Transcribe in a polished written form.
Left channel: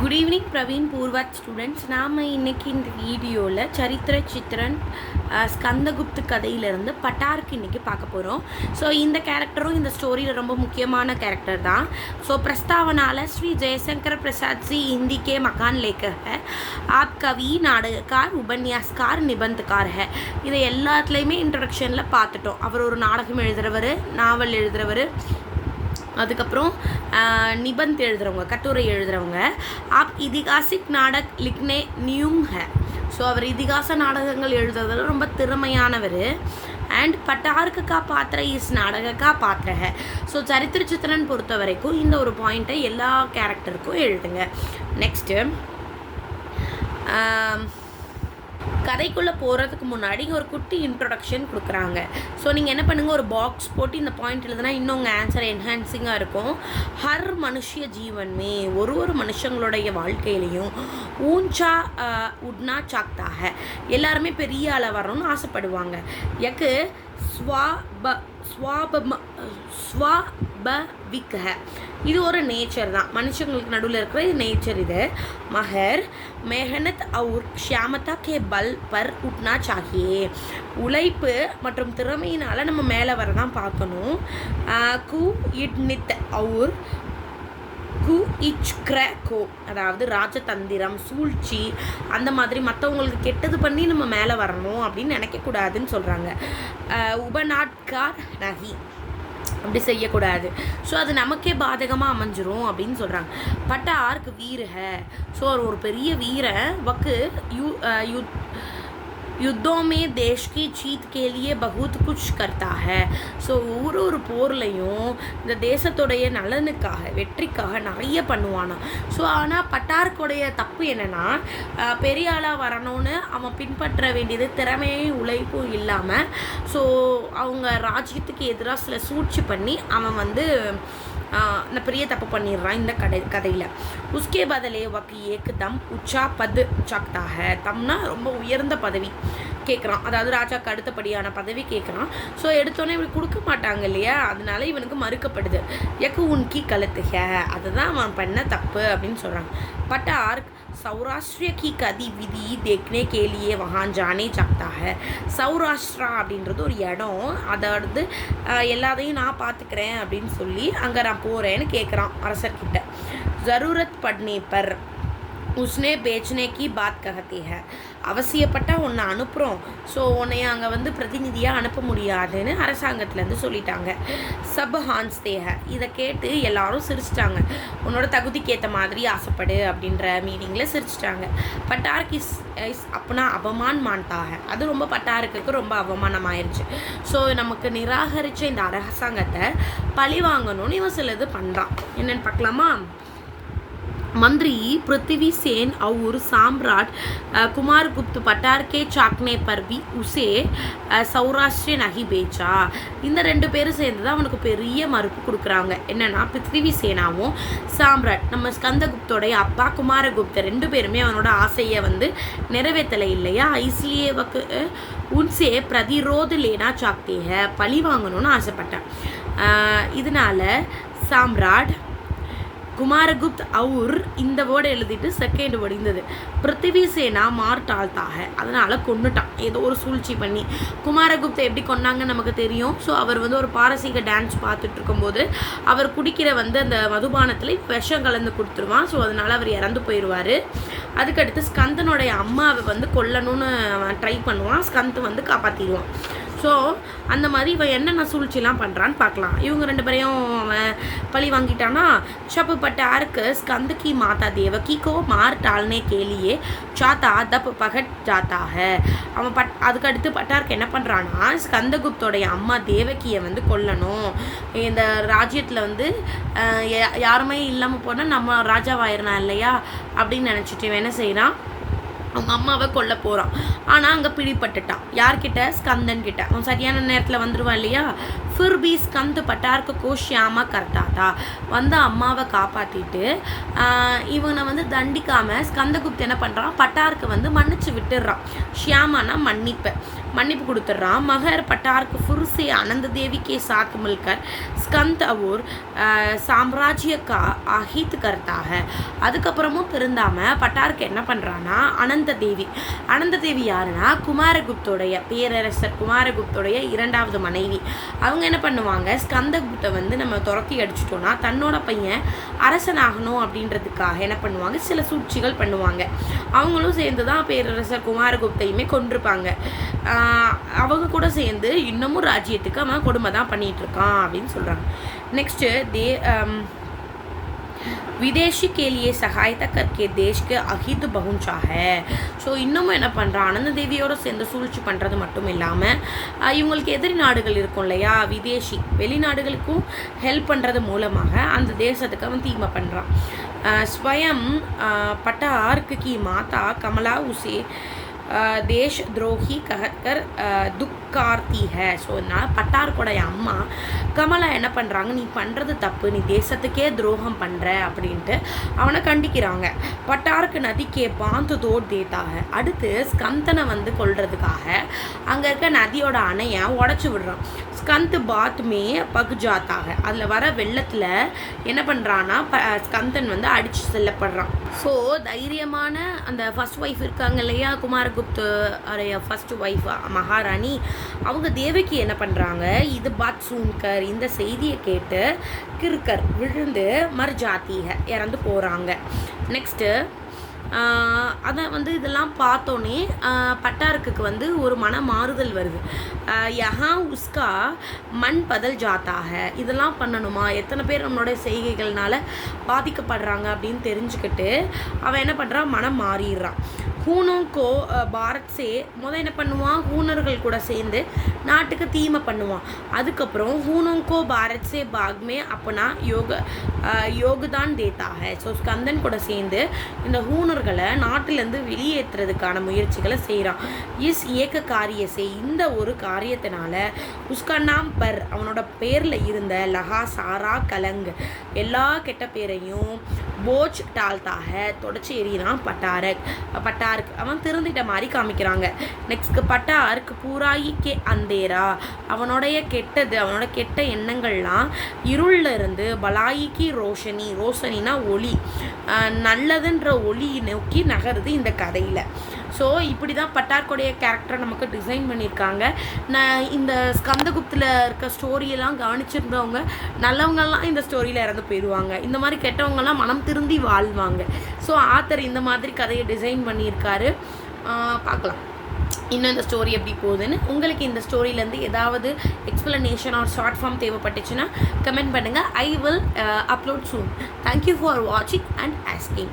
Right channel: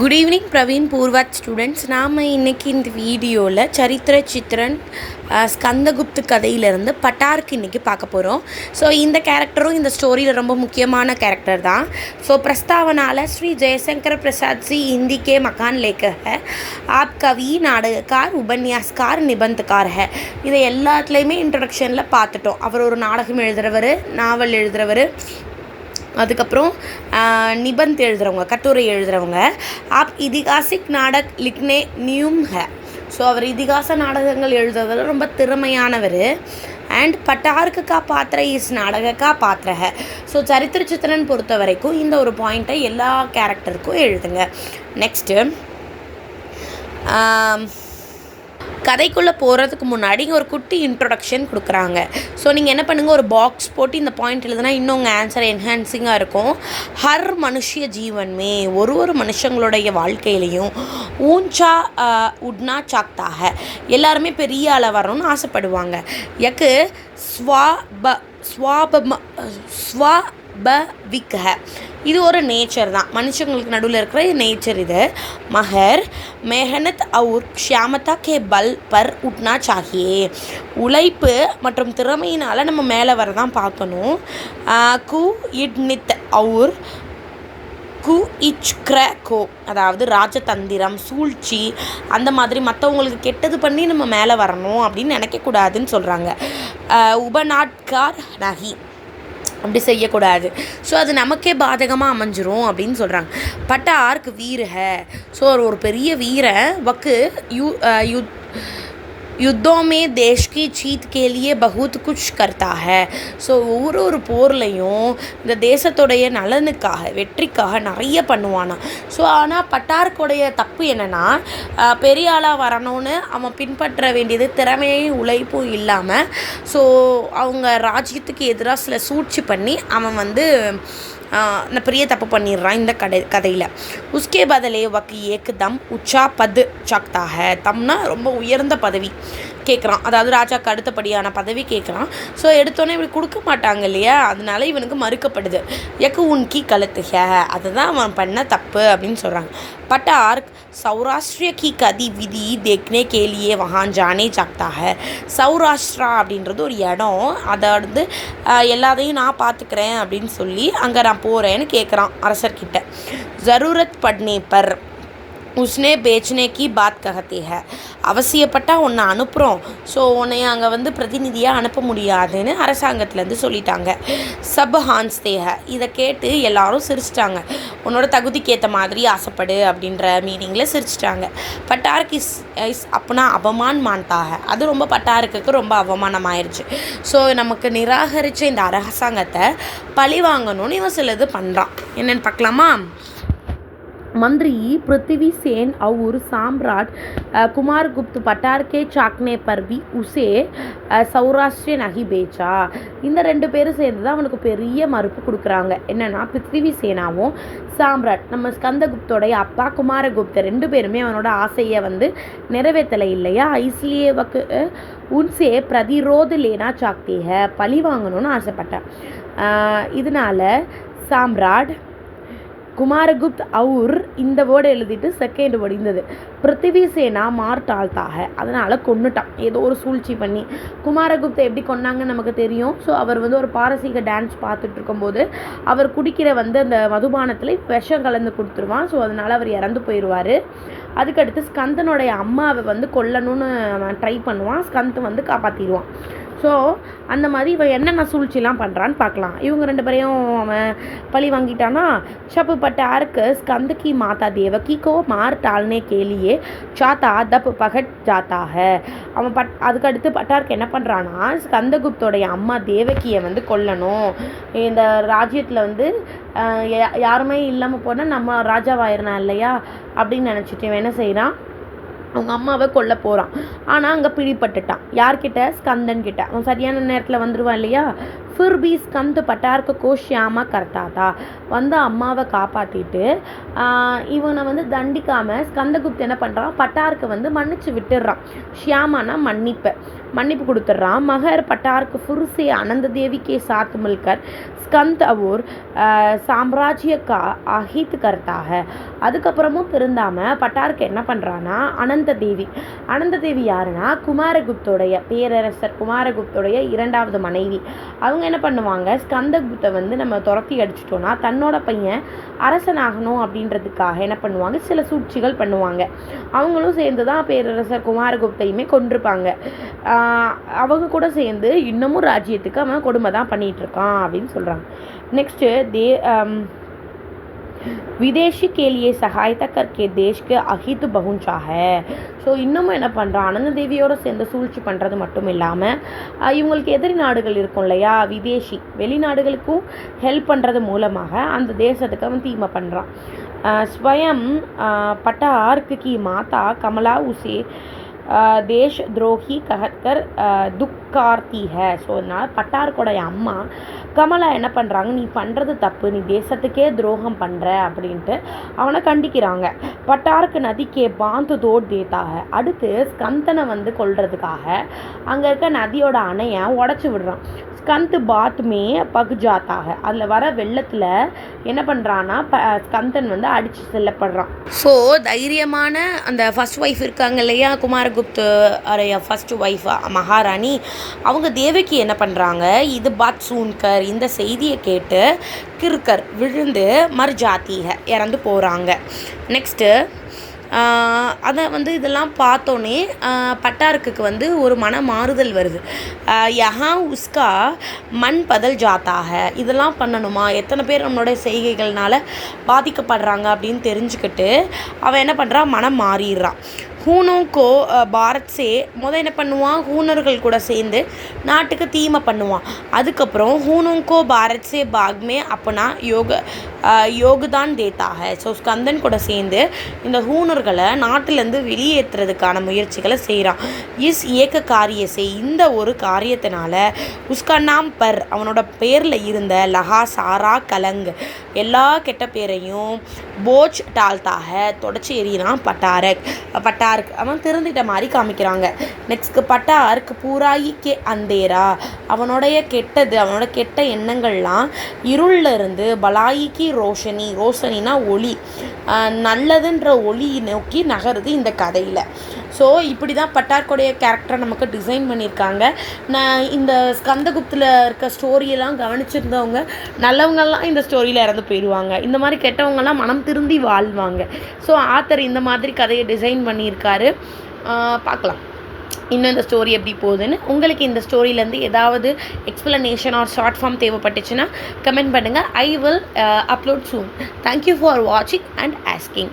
Good evening Praveen Purvardh students. நாம் இன்றைக்கி இந்த வீடியோவில் சரித்திர சித்திரன் ஸ்கந்தகுப்து கதையிலேருந்து பட்டாருக்கு இன்றைக்கி பார்க்க போகிறோம். ஸோ இந்த கேரக்டரும் இந்த ஸ்டோரியில் ரொம்ப முக்கியமான கேரக்டர் தான். ஸோ प्रस्तावनाला श्री जयशंकर प्रसाद जी हिंदी के महान लेखक है. आप कवि, नाटककार, उपन्यासकार, निबंधकार है. இதை எல்லாத்துலேயுமே இன்ட்ரடக்ஷனில் பார்த்துட்டோம். அவர் ஒரு நாடகம் எழுதுகிறவர், நாவல் எழுதுகிறவர், அதுக்கப்புறம் நிபந்த் எழுதுகிறவங்க, கட்டுரை எழுதுகிறவங்க. ஆப் இதிகாசிக் நாடக் லிக்னே நியூம் ஹே. ஸோ அவர் இதிகாச நாடகங்கள் எழுதுறதுல ரொம்ப திறமையானவர். அண்ட் பட்டார்க்கு கா பாத்திர இஸ் நாடக கா பாத்திர ஹே. ஸோ சரித்திர சித்திரன் பொறுத்த வரைக்கும் இந்த ஒரு பாயிண்ட்டை எல்லா கேரக்டருக்கும் எழுதுங்க. நெக்ஸ்ட்டு கதைக்குள்ளே போகிறதுக்கு முன்னாடி இங்கே ஒரு குட்டி இன்ட்ரொடக்ஷன் கொடுக்குறாங்க. ஸோ நீங்கள் என்ன பண்ணுங்கள், ஒரு பாக்ஸ் போட்டு இந்த பாயிண்ட் எழுதுனா இன்னும் உங்கள் ஆன்சர் என்ஹான்சிங்காக இருக்கும். ஹர் மனுஷிய ஜீவன்மே, ஒரு மனுஷங்களுடைய வாழ்க்கையிலையும் ஊஞ்சா உட்னா சாக்தாக, எல்லாருமே பெரிய ஆளை வரணும்னு ஆசைப்படுவாங்க. யக்கு ஸ்வாபவிக் ஹை. இது ஒரு நேச்சர் தான், மனுஷங்களுக்கு நடுவில் இருக்கிற நேச்சர் இது. மகர் மெஹனத் அவுர் க்ஷாமதா கே பல் பர் உட்னா சாகியே. உழைப்பு மற்றும் திறமையினால் நம்ம மேலே வர தான் பார்க்கணும். கு இட்னித் அவுர் கு இச்க்ரோ, அதாவது ராஜதந்திரம், சூழ்ச்சி, அந்த மாதிரி மற்றவங்களுக்கு கெட்டது பண்ணி நம்ம மேலே வரணும் அப்படின்னு நினைக்கக்கூடாதுன்னு சொல்கிறாங்க. உபநாட்கார் நகி, அப்படி செய்யக்கூடாது. ஸோ அது நமக்கே பாதகமாக அமைஞ்சிரும் அப்படின்னு சொல்கிறாங்க. பட்டார்க்கு வீர ஹே. ஸோ ஒரு பெரிய வீரன் வக்கு युद्धों में देश की जीत के लिए बहुत कुछ करता है. ஸோ ஒவ்வொரு போர்லையும் இந்த தேசத்துடைய நலனுக்காக, வெற்றிக்காக நிறைய பண்ணுவானா. ஸோ ஆனால் பட்டார்க்குடைய தப்பு என்னென்னா, பெரிய ஆளாக வரணும்னு அவன் பின்பற்ற வேண்டியது திறமையும் உழைப்பும் இல்லாமல், ஸோ அவங்க ராஜ்யத்துக்கு எதிராக சில சூழ்ச்சி பண்ணி அவன் பெரிய தப்பு பண்ணிடுறான் இந்த கதையில். உஸ்கே பதலே வக்கு ஏக்கு தம் உச்சா பது சாக்தாக. தம்னா ரொம்ப உயர்ந்த பதவி கேட்குறான், அதாவது ராஜாவுக்கு அடுத்தபடியான பதவி கேட்குறான். ஸோ எடுத்தோன்னே இப்படி கொடுக்க மாட்டாங்க இல்லையா, அதனால இவனுக்கு மறுக்கப்படுது. எக்கு உன்கி கழுத்துக, அதுதான் அவன் பண்ண தப்பு அப்படின்னு சொல்கிறாங்க. பட்டார் சௌராஷ்டிரிய கி கதி விதி தேக்னே கேலியே வஹான் ஜானே சாக்தாக. சௌராஷ்டிரா அப்படின்றது ஒரு இடம், அதை எல்லாத்தையும் நான் பார்த்துக்கிறேன் அப்படின்னு சொல்லி அங்கே நான் போகிறேன்னு கேட்குறான் அரசர்கிட்ட. ஜரூரத் பட்னே பர் உஸ்னே பேச்னே கி பாத் கஹத்தே ஹை. அவசியப்பட்டால் உன்னை அனுப்புகிறோம், ஸோ உன்னை அங்கே பிரதிநிதியாக அனுப்ப முடியாதுன்னு அரசாங்கத்துலேருந்து சொல்லிட்டாங்க. சப் ஹான்ஸ்தே ஹை. இதை கேட்டு எல்லாரும் சிரிச்சிட்டாங்க. உன்னோட தகுதிக்கு ஏற்ற மாதிரி ஆசைப்படு அப்படின்ற மீனிங்கில் சிரிச்சிட்டாங்க. பட்டாருக்கு இஸ் அப்பனா அவமான் மான்ட்டாக. அது ரொம்ப பட்டாருக்கு ரொம்ப அவமானமாயிருச்சு. ஸோ நமக்கு நிராகரித்த இந்த அரசாங்கத்தை பழி வாங்கணும்னு இவன் சிலது பண்ணுறான். என்னென்னு பார்க்கலாமா? मंत्री पृथ्वी सेन और सम्राट कुमारगुप्त पटार के चाकने पर भी उसे सौराष्ट्र नहीं बेचा. இந்த ரெண்டு பேரும் சேர்ந்து தான் அவனுக்கு பெரிய மறுப்பு கொடுக்குறாங்க. என்னென்னா, பிருத்திவி சேனாவும் சாம்ராட், நம்ம ஸ்கந்தகுப்தோடைய அப்பா குமாரகுப்தர், ரெண்டு பேருமே அவனோட ஆசையை நிறைவேற்றலை இல்லையா. இஸ்லியே வக்கு உன்சே பிரதிரோத லேனா சாக்தே ஹை. பழி வாங்கணும்னு ஆசைப்பட்டேன். இதனால் சாம்ராட் குமாரகுப்த் அவுர் இந்த வேர்டு எழுதிட்டு செகண்ட் வேர்டு இருந்தது பிருத்திவி சேனா மார்டால்தாக, அதனால் கொன்னுட்டான் ஏதோ ஒரு சூழ்ச்சி பண்ணி. குமாரகுப்தை எப்படி கொன்னாங்கன்னு நமக்கு தெரியும். ஸோ அவர் ஒரு பாரசீக டான்ஸ் பார்த்துட்டு இருக்கும்போது அவர் குடிக்கிற அந்த மதுபானத்தில் விஷம் கலந்து கொடுத்துருவான். ஸோ அதனால் அவர் இறந்து போயிடுவார். அதுக்கடுத்து ஸ்கந்தனுடைய அம்மாவை கொல்லணும்னு அவன் ட்ரை பண்ணுவான். ஸ்கந்த் காப்பாற்றிடுவான். ஸோ அந்த மாதிரி இவன் என்னென்ன சூழ்ச்சிலாம் பண்ணுறான்னு பார்க்கலாம். இவங்க ரெண்டு பேரையும் அவன் பழி வாங்கிட்டானா. ஷப்பு பட்டாருக்கு ஸ்கந்த கி மாதா தேவகி கோ மார் டால்னே கேலியே சாத்தா தப் பகட் ஜாத்தாக. அவன் அதுக்கடுத்து பட்டாருக்கு என்ன பண்ணுறான்னா, ஸ்கந்தகுப்தோடைய அம்மா தேவகியை கொல்லணும், இந்த ராஜ்யத்தில் யாருமே இல்லாமல் போனால் நம்ம ராஜாவாயிரலாம் இல்லையா அப்படின்னு நினச்சிட்டு இவன் என்ன செய்கிறான், அவங்க அம்மாவை கொல்ல போகிறான். ஆனால் அங்கே பிடிப்பட்டுட்டான். யார்கிட்ட? ஸ்கந்தன் கிட்ட. அவன் சரியான நேரத்தில் வந்துடுவான் இல்லையா. फिर भी ஸ்கந்த் பட்டார்க்கு கோ ஷியாமா கர்த்தாதா. வந்து அம்மாவை காப்பாற்றிட்டு இவனை வந்து தண்டிக்காமல் ஸ்கந்தகுப்த் என்ன பண்ணுறான், பட்டாருக்கு வந்து மன்னிச்சு விட்டுடுறான். ஷியாமானா மன்னிப்பு கொடுத்துட்றான். மகர் பட்டாருக்கு ஃபுர்ஸே அனந்த தேவி கே சாத் மில்கர் ஸ்கந்த் और சாம்ராஜ்ய கா அஹித் கர்த்தாக. அதுக்கப்புறமும் திருந்தாமல் பட்டாருக்கு என்ன பண்ணுறான்னா அனந்த தேவி யாருன்னா குமாரகுப்தோடைய பேரரசர் குமாரகுப்தோடைய 2வது மனைவி. அவங்க என்ன பண்ணுவாங்க, ஸ்கந்தகுப்தை வந்து நம்ம துரத்தி அடிச்சிட்டோன்னா தன்னோட பையன் அரசனாகணும் அப்படின்றதுக்காக என்ன பண்ணுவாங்க, சில சூழ்ச்சிகள் பண்ணுவாங்க. அவங்களும் சேர்ந்து தான் பேரரசர் குமாரகுப்தையுமே கொண்டிருப்பாங்க. அவங்க கூட சேர்ந்து இன்னமும் ராஜ்யத்துக்கு அவன் கொடுமை தான் பண்ணிகிட்ருக்கான் அப்படின்னு சொல்கிறாங்க. நெக்ஸ்ட்டு विदेशी के लिए सहायता करके देश के अहित पहुंचा है. ஸோ இன்னமும் என்ன பண்ணுறான், அனந்த தேவியோடு சேர்ந்து சூழ்ச்சி பண்ணுறது மட்டும் இல்லாமல் இவங்களுக்கு எதிரி நாடுகள் இருக்கும் இல்லையா, வெளிநாடுகளுக்கும் ஹெல்ப் பண்ணுறது மூலமாக அந்த தேசத்துக்கு அவன் தீமை பண்ணுறான். ஸ்வயம் பட்டார்க் की माता कमला उसे தேஷ் துரோகி கஹத்கர் துக்கார்த்தி ஹே. ஸோ இதனால் பட்டார்க்கோடைய அம்மா கமலா என்ன பண்ணுறாங்க, நீ பண்ணுறது தப்பு, நீ தேசத்துக்கே துரோகம் பண்ணுற அப்படின்ட்டு அவனை கண்டிக்கிறாங்க. பட்டார்க்கு நதிக்கே பாந்து தோட் தேத்தாக. அடுத்து ஸ்கந்தனை வந்து கொல்றதுக்காக அங்கே இருக்க நதியோட அணையை உடச்சி விடுறான். ஸ்கந்த் பாத்மே பக் ஜாத்தாக. அதில் வர வெள்ளத்தில் என்ன பண்ணுறான்னா ஸ்கந்தன் வந்து அடித்து செல்லப்படுறான். ஸோ தைரியமான அந்த ஃபர்ஸ்ட் ஒய்ஃப் இருக்காங்க இல்லையா, குமாரகுப்த் ஃபர்ஸ்ட் ஒய்ஃப் மகாராணி, அவங்க தேவகி என்ன பண்ணுறாங்க, இது பாத் சூன்கர், இந்த செய்தியை கேட்டு கிறுக்கர் விழுந்து மர்ஜாத்திக இறந்து போகிறாங்க. நெக்ஸ்ட்டு அதை வந்து இதெல்லாம் பார்த்தோன்னே பட்டார்க்கு வந்து ஒரு மன மாறுதல் வருது. யஹா உஸ்கா மண் பதல் ஜாத்தாக. இதெல்லாம் பண்ணணுமா, எத்தனை பேர் நம்மளோட செய்கைகள்னால பாதிக்கப்படுறாங்க அப்படின்னு தெரிஞ்சுக்கிட்டு அவன் என்ன பண்ணுறான், மனம் மாறிடுறான். ஹூனோக்கோ பாரத் சே என்ன பண்ணுவான், ஹூனர்கள் கூட சேர்ந்து நாட்டுக்கு தீமை பண்ணுவான். அதுக்கப்புறம் ஹூனோக்கோ பாரத் சே பாக்மே அப்பனா யோகுதான் தேத்தாக. ஸோ ஸ்கந்தன் கூட சேர்ந்து இந்த ஹூனர்களை நாட்டிலேருந்து வெளியேற்றுறதுக்கான முயற்சிகளை செய்கிறான். ஏக்க காரியசே, இந்த ஒரு காரியத்தினால உஸ்கா நாம் பர், அவனோட பேரில் இருந்த லஹா சாரா கலங், எல்லா கெட்ட பேரையும் போஜ் டால்தாக தொடச்சி எறிகிறான் பட்டார்க். அவன் திருந்திட்ட மாதிரி காமிக்கிறாங்க. நெக்ஸ்ட் பட்டார்க் பூராயி கே அந்தேரா, அவனோட கெட்ட எண்ணங்கள்லாம் இருளில் இருந்து பலாயிக்கு ரோஷனினா ஒளி, நல்லதுன்ற ஒளி நோக்கி நகருது இந்த கதையில். ஸோ இப்படி தான் பட்டார்க்குடைய கேரக்டரை நமக்கு டிசைன் பண்ணியிருக்காங்க. நான் இந்த ஸ்கந்தகுப்தில் இருக்க ஸ்டோரியெல்லாம் கவனிச்சிருந்தவங்க நல்லவங்கெல்லாம் இந்த ஸ்டோரியில் இறந்து போயிடுவாங்க, இந்த மாதிரி கெட்டவங்கெல்லாம் மனம் திருந்தி வாழ்வாங்க. ஸோ ஆத்தர் இந்த மாதிரி கதையை டிசைன் பண்ணியிருக்காரு. பார்க்கலாம் இன்னும் இந்த ஸ்டோரி எப்படி போகுதுன்னு. உங்களுக்கு இந்த ஸ்டோரியிலேருந்து ஏதாவது எக்ஸ்ப்ளனேஷன் ஆர் ஷார்ட் ஃபார்ம் தேவைப்பட்டுச்சுன்னா கமெண்ட் பண்ணுங்கள். I will upload soon. Thank you for வாட்சிங் அண்ட் ஆஸ்கிங்.